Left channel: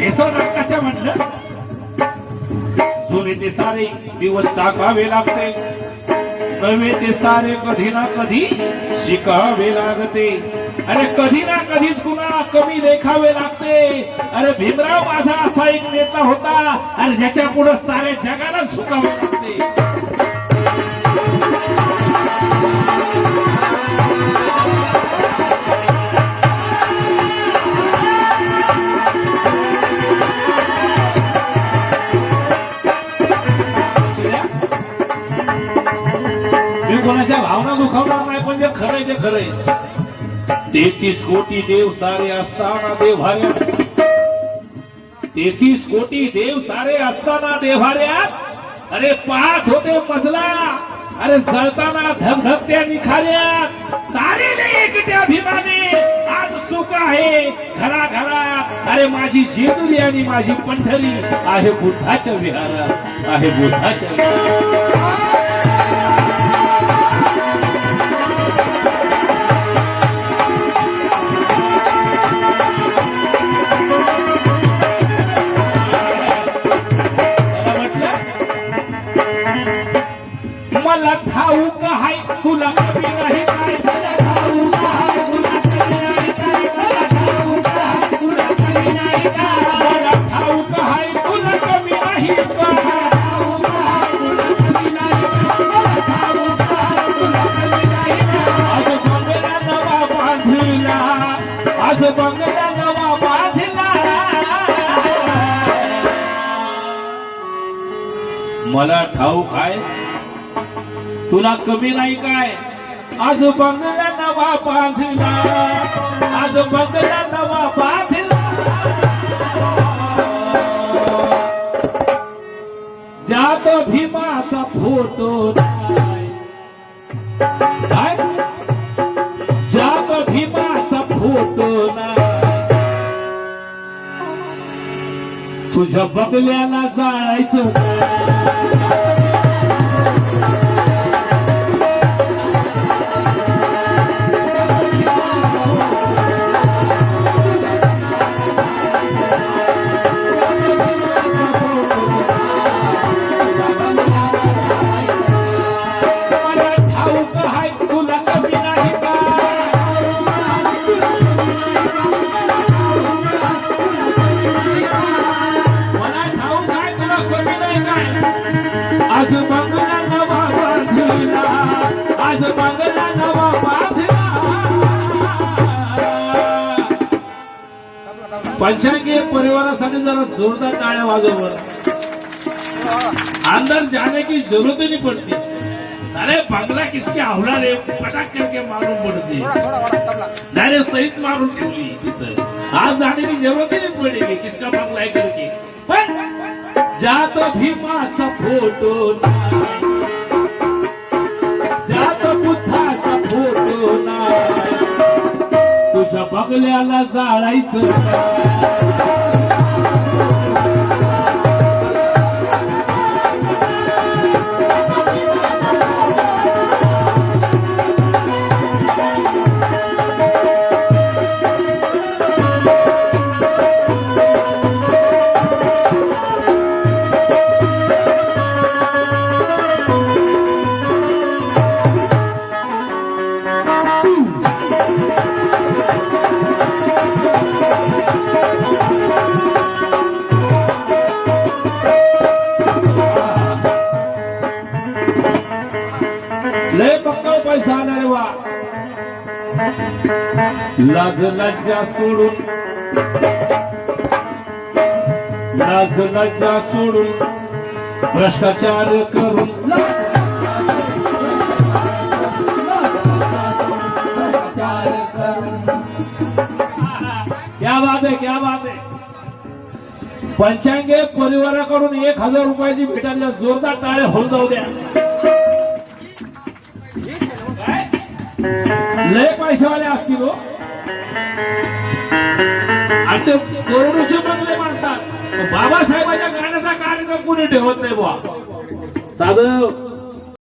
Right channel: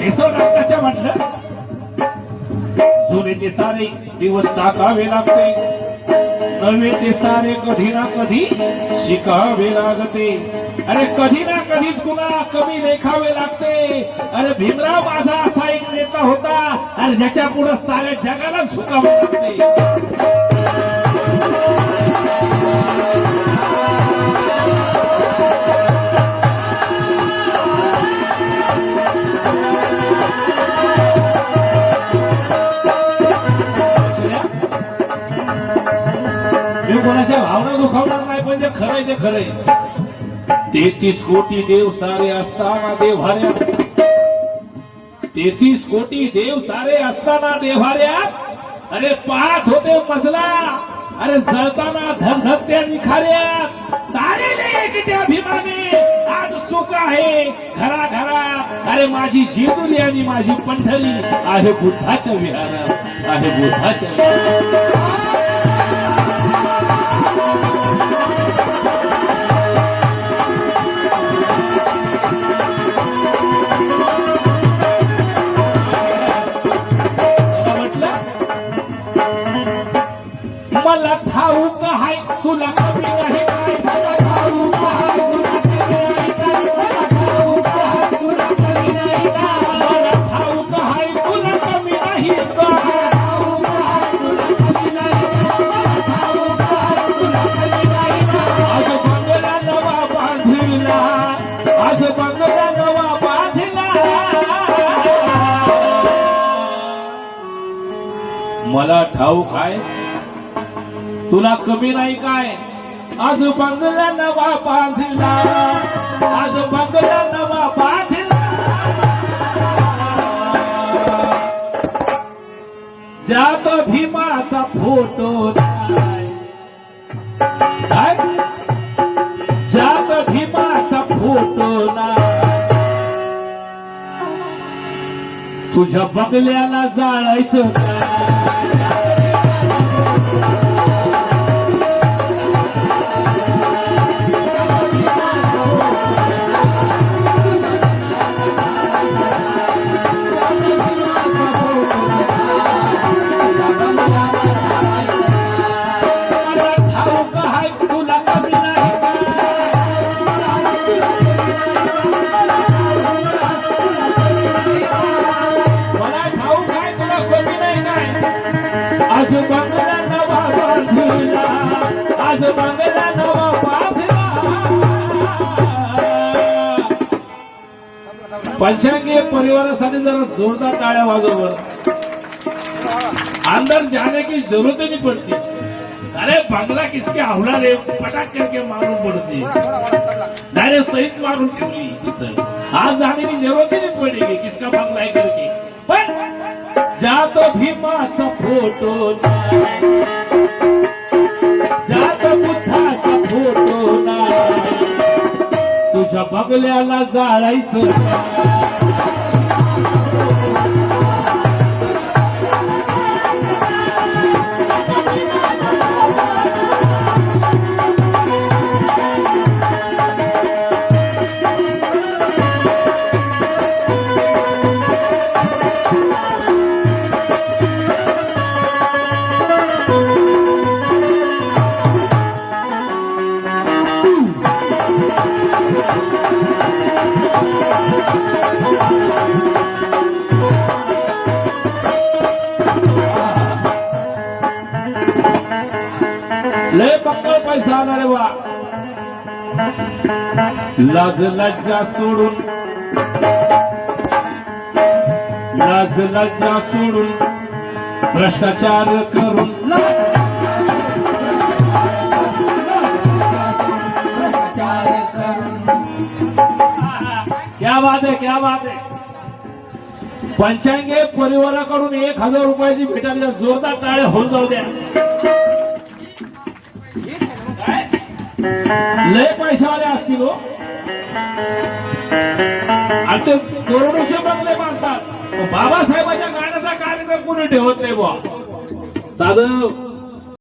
भेसवणार कशा म्हटलं? जुने ते सारे दिवस टाकावे लागते. नवे ते सारे कधी ना कधी शिकावे लागते. अरे कधी ना कधीच कुणा कमी लेखावे लागते. अरे भीमराव माझा असा एक नेता होता. आणि ज्याच्या पुढे साऱ्या जगाला सुखावे लागते. मी कोणाच्या भावना दुखावणार नाही पण जे खरंय ते खरंय तेहतीस कोटी देव सारे असताना देव्हाऱ्यात तेहतीस कोटी देव सारे असताना देव्हाऱ्यात अरे पाठ होते मजला. अरे जळताना धगधगत्या निखाऱ्या. तारी नाही अभिमाने. आज सुख आहे घरा घरा अरे माझी जेजुरी आणि माझी पंढरी आहे बुद्धाच्या विहाऱ्या आहे बुद्धाच्या विहाऱ्या मला ठाऊक आहे. तुला कमी नाही काय? आज बंगला नवा बांधिला. आज बंगला नवा बांधिला. जात भीमाचा फोटो तुझ्या बदल्याला जाळायचं आज बंगला नवा बांधिला आज बंगला नवा बांधिला पंचांगीय परिवारासाठी जरा जोरदार टाळ्या वाजववर अंदर जाने की जरूरत नहीं पड़ती. अरे बंगला किसके हवला रे पटाक करके मारून पडते. डायरेक्ट सहीच मारून ठेवली तिथं आज जाने की जरूरत ही नहीं पडेगी किसका बंगला आहे करके. पण जात भीमाचा फोटो नाही. जात बुद्धाचा फोटो नाही. तुझ्या बगल्याला जाळायचं लाज लज्जा सोडून. लाज लज्जा सोडून. भ्रष्टाचार करून. क्या बात आहे क्या बात आहे पंचांगे परिवाराकडून एक हजार रुपयाची भेटायला जोरदार टाळे होऊन जाऊ द्या. लय पैशावाले असतील हो. ते कोरोनाचे बंगले मानतात बाबासाहेबांच्या गाण्याचा कार्यक्रम कुणी ठेवत नाही बुवा. साधं